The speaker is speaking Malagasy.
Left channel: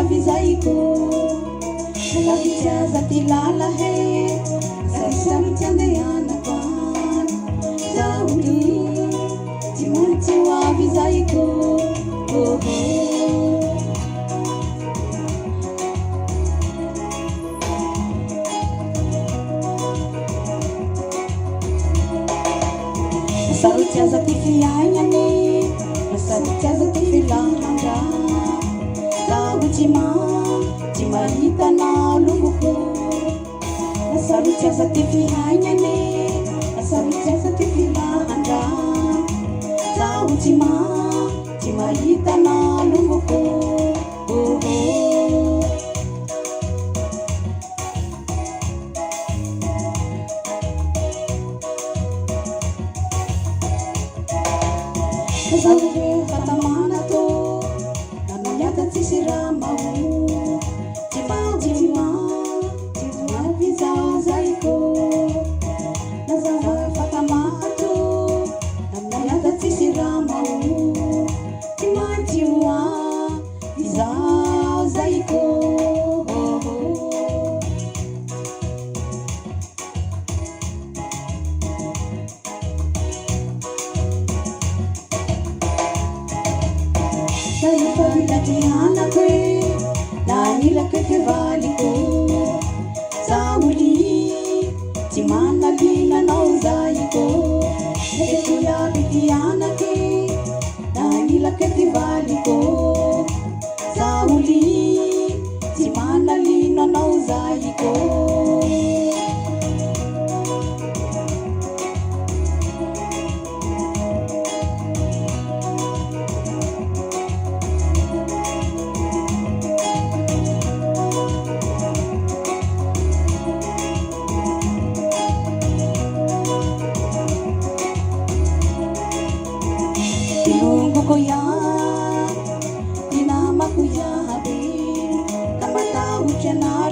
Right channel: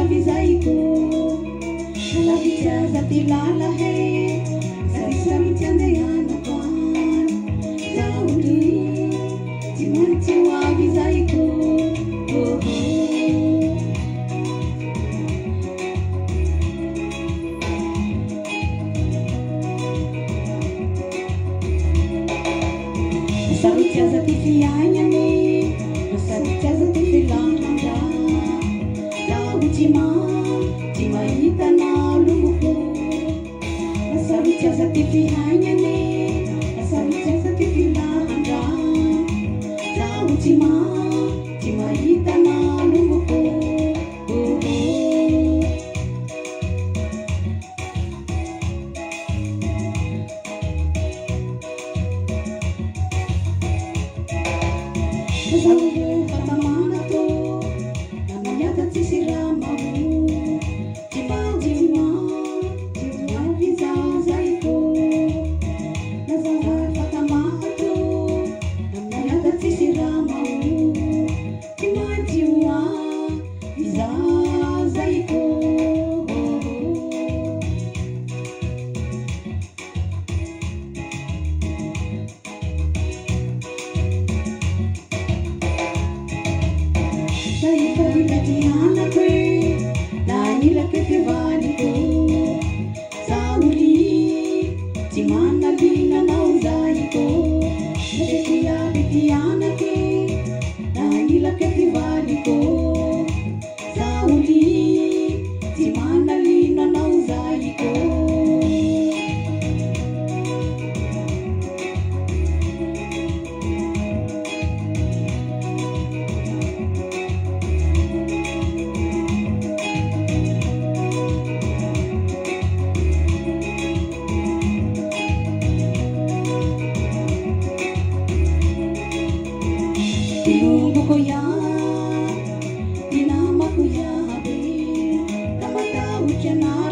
avy zay ko Lavy tsy aza ty lala he Sarisaritsy andehanako any Zaholy tsy maintsy ho avy zay ko Sarotsy aza ty fiaignany Sarotsy aza ty filamandra Zaho tsy mahita nalomboko Sarotsy aza ty fiaignany Sarotsy aza ty filamandra Zaho tsy mahita nalomboko Zaho fatamana to Namanyata tsisy raha maho Tsy avy zay ko Zaho fatamana to Namanyata tsisy raha maho Tsy avy zay ko Anako nailaka kevaliko Zaholy tsy manalinanao zay ko Nateko iaby ty anaky nailaka kevaliko Zaholy tsy manalinanao zay ko Tinumbo ko yan, tinama ko yabi, namatawid siya na